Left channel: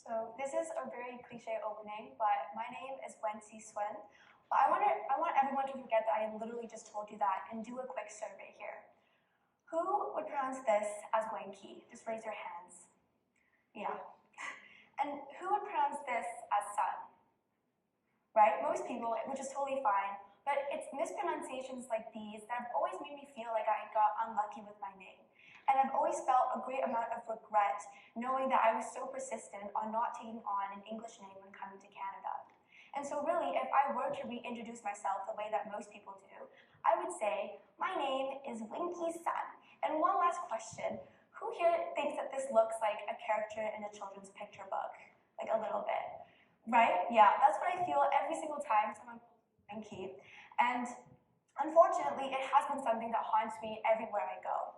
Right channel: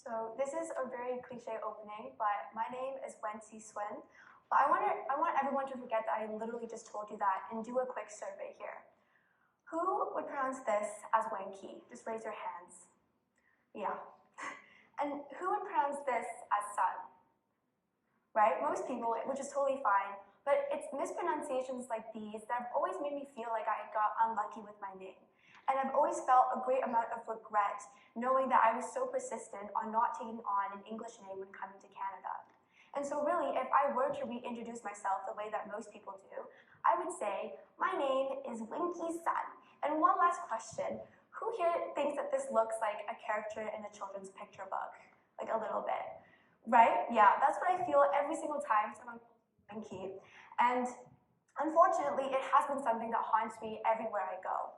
So this is a very cliche opening, but my name is Wenqi. But I want everyone to forget that I literally just told you that and do a quick survey here. Who would pronounce this as Wenqi? Just raise your hands. Yeah. And who would pronounce this as sun? Right? Most people, which is totally fine, but it's mispronunciations like these that have always made me feel like I got unlucky with my name. And I've always felt a great amount of regret knowing that I was so persistent on not taking on an English name when coming to Canada. And so really, if I were to reintroduce myself the way that most people do, I would say, my name is Wenqi Sun. And one last question, who here thinks that this looks like a character in a children's picture book? Like a little bit, right? Yeah, that's what I feel every single time someone calls me Wenqi. And unfortunately, it has been something that haunts me everywhere I go.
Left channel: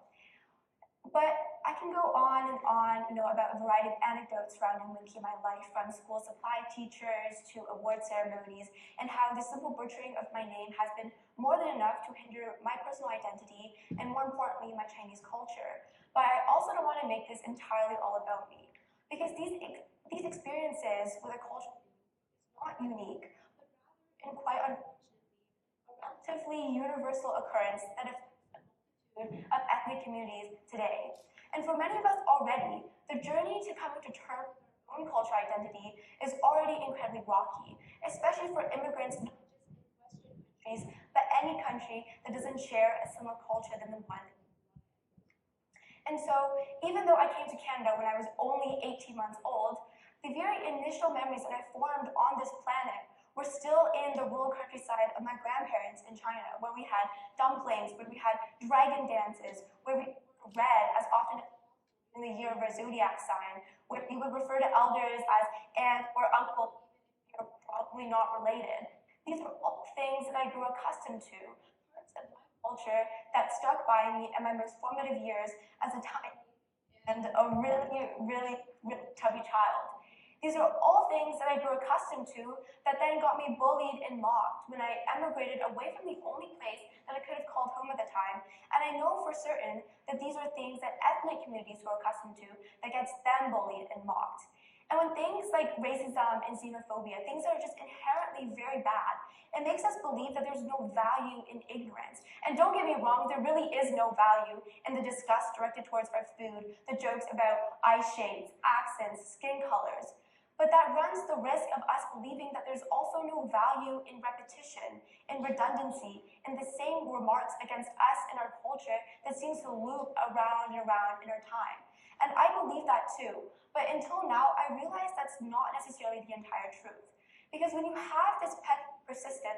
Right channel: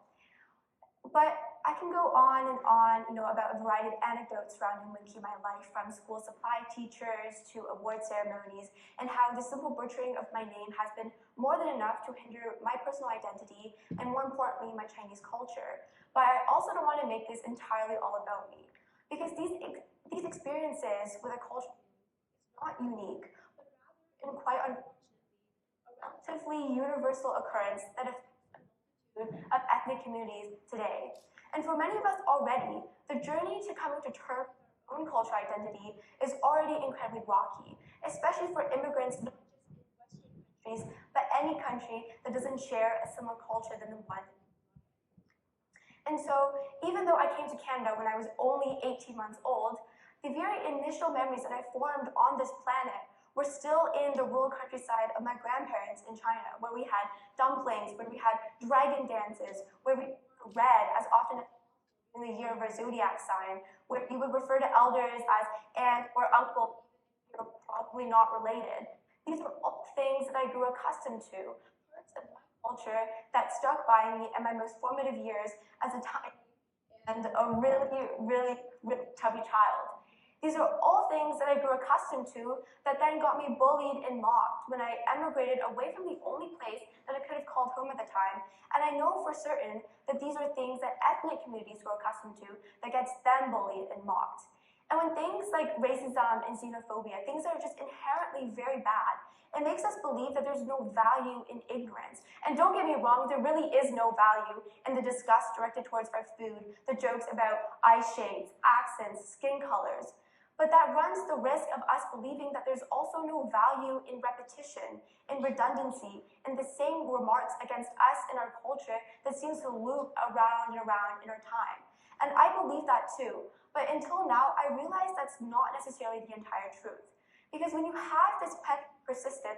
But I can go on and on, about a variety of anecdotes surrounding Wen-KEY in my life, from school supply teachers to award ceremonies, and how the simple butchering of my name has been more than enough to hinder my personal identity and, more importantly, my Chinese culture. But I also don't want to make this entirely all about me, because these experiences with a culture is not unique, but rather, and quite unfortunately, a relatively universal occurrence that affects of ethnic communities today. And for many of us already, the journey to coming to terms with our own cultural identity is already incredibly rocky, especially for immigrants not just in Western countries, but any country that doesn't share a similar culture than the one. And so, even though I came to Canada when I was only 18 months old, the very initial memories that I formed on this planet were still in the rural countryside of my grandparents in China, where we had dumplings, where we had dragon dances, where we read as often in the year of our zodiac sign, where we would refer to elders as aunt or uncle, if you're probably not related. These were all things that I grew accustomed to, parts of my culture that stuck by me in my most formative years as a tiny and a really chubby child. These are all things that I grew accustomed to that then got me bullied and mocked when I emigrated away from the only place that I could have called home at the time. And I know for certain that these are things that ethnic communities grow accustomed to that gets them bullied and mocked. And when things like racism and xenophobia, things that are just inherently very bad, it makes us believe that there's no value in ignorance. And don't get me wrong, there really is no value in the disgust directed towards our food, the jokes about eye shades, accents, skin colors. But that runs the risk of us believing that there's also no value in repetition, in redundancy, in the same remarks against us and our culture that seems to loop around and around in our time. And I believe that too. But until now, I realize that's not necessarily the entire truth. Because when you have this persistent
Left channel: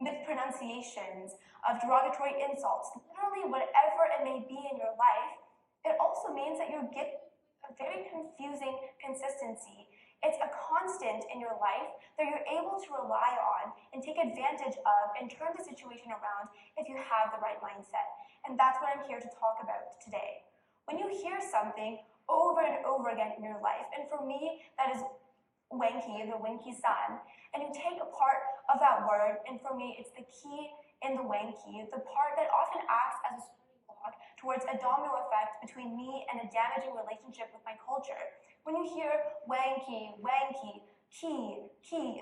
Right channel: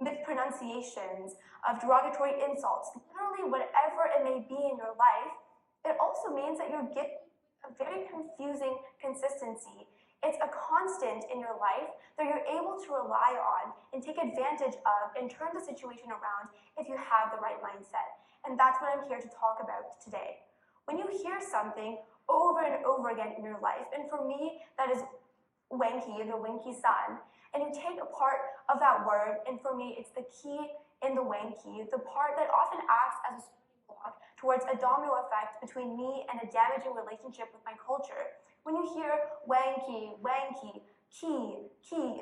mispronunciations, of derogatory insults, literally whatever it may be in your life, it also means that you're getting a very confusing consistency. It's a constant in your life that you're able to rely on and take advantage of and turn the situation around if you have the right mindset. And that's what I'm here to talk about today. When you hear something over and over again in your life, and for me, that is Wenqi, the Wenqi Sun, and you take a part of that word, and for me, it's the key in the Wenqi, the part that often acts as a starting block towards a domino effect between me and a damaging relationship with my culture. When you hear Wenqi, Wenqi, key,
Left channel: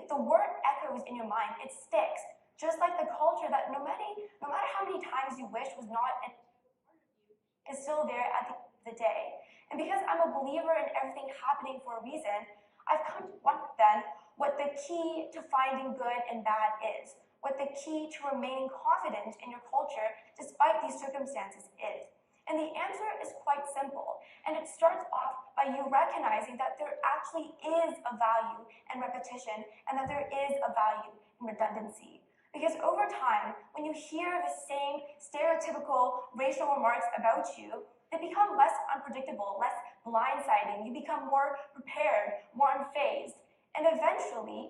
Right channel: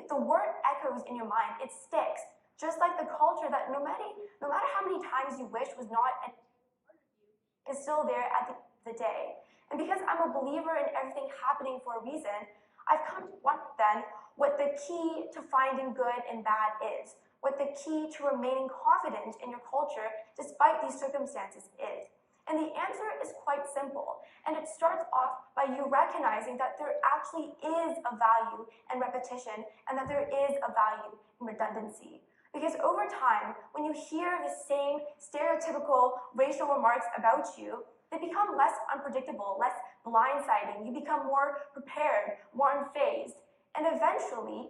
the word echoes in your mind, it sticks, just like the culture that no matter how many times you wish was not a part of you, is still there at the end of the day. And because I'm a believer in everything happening for a reason, I've come to wonder then what the key to finding good and bad is, what the key to remaining confident in your culture despite these circumstances is. And the answer is quite simple, and it starts off by you recognizing that there actually is a value in repetition and that there is a value in redundancy. Because over time, when you hear the same stereotypical racial remarks about you, they become less unpredictable, less blindsiding. You become more prepared, more unfazed, and eventually,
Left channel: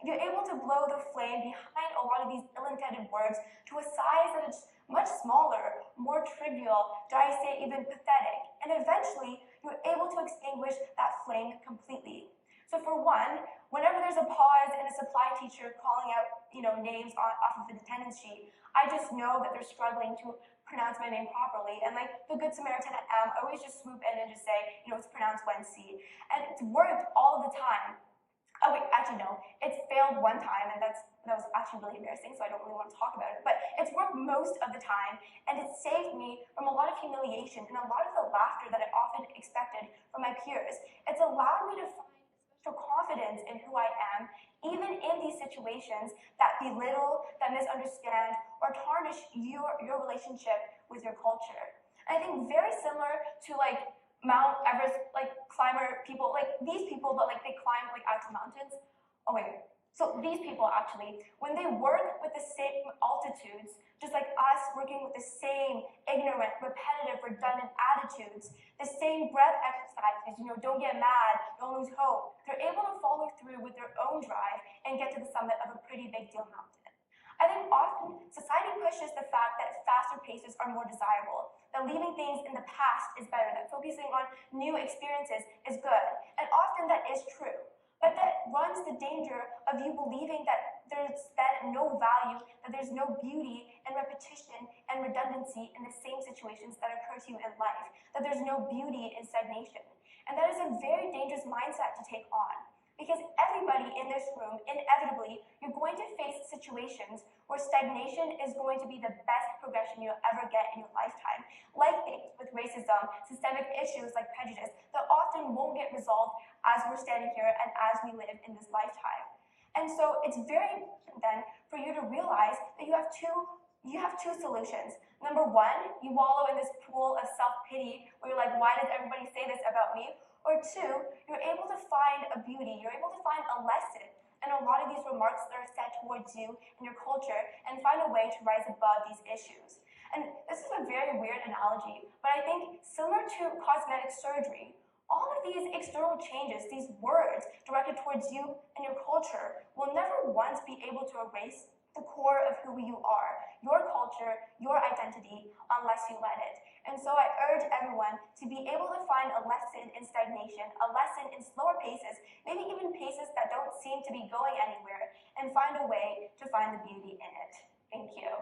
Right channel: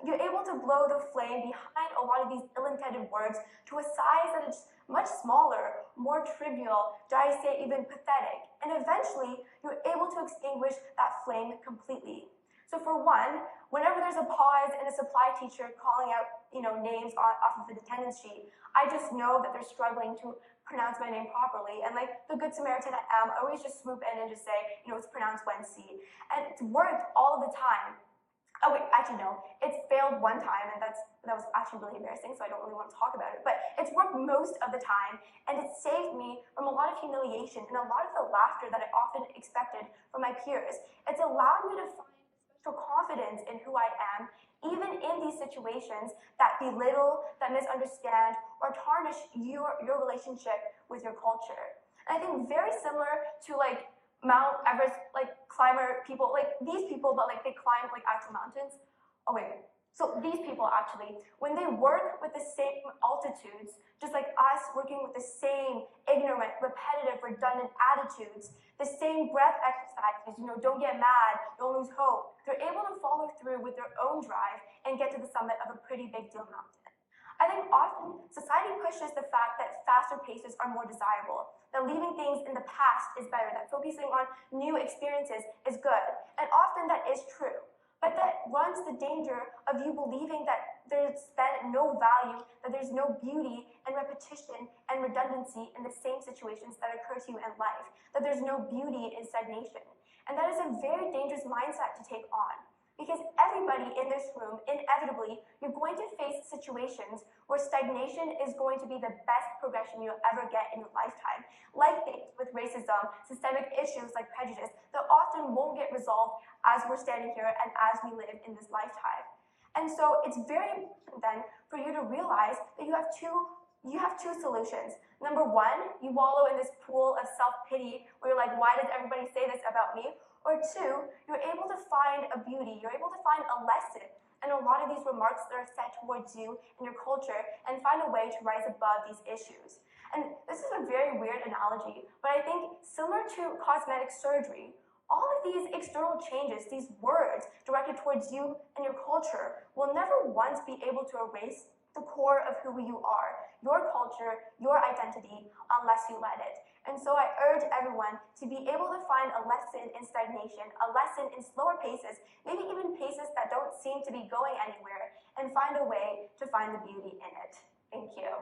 you're able to blow the flame behind a lot of these ill-intended words to a size that is much smaller, more trivial, dare I say even pathetic, and eventually you're able to extinguish that flame completely. So for one, whenever there's a pause and a supply teacher calling out names off of the attendance sheet, I just know that they're struggling to pronounce my name properly. And like the Good Samaritan I am, I always just swoop in and just say, it's pronounced Wen-KEY. And it's worked all the time. Oh wait, actually no, it's failed one time, and that was actually really embarrassing, so I don't really want to talk about it. But it's worked most of the time, and it saved me from a lot of humiliation and a lot of the laughter that I often expected from my peers. It's allowed me to find special confidence in who I am, even in these situations that belittle, that misunderstand, or tarnish your relationship with your culture. And I think very similar to like Mount Everest, like climber people, like these people, but like they climb like actual mountains. Oh wait, so these people actually, when they work with the same altitudes, just like us working with the same ignorant, repetitive, redundant attitudes, the same breath exercises, don't get mad, don't lose hope, they're able to follow through with their own drive and get to the summit of a pretty big deal mountain. I think often society pushes the fact that faster paces are more desirable, that leaving things in the past is better, that focusing on new experiences is good, and often that is true. But that runs the danger of you believing that there's then no value, that there's no beauty in repetition and redundancy in the same situations that occur to you in life, that there's no beauty in stagnation. And that is a very dangerous mindset to take on. Because everybody in this room, inevitably, you're going to face situations where stagnation is going to be the best progression you'll ever get in your lifetime. Like things with racism, systemic issues like prejudice that often won't get resolved as we're standing here and as we live in this lifetime. And so it's very important then for you to realize that you have two solutions. Number one, you wallow in this pool of self-pity where you're like, why does everybody say this about me? Or two, you're able to find a beauty, you're able to find a lesson in a lot of these remarks that are said towards you and your culture and find a way to rise above these issues. And this is a very weird analogy, but I think similar to cosmetic surgery, all of these external changes, these words directed towards you and your culture will never once be able to erase the core of who you are, your culture, your identity, unless you let it. And so I urge everyone to be able to find a lesson in stagnation, a lesson in slower paces, maybe even paces that don't seem to be going anywhere, and find a way to find the beauty in it. Thank you.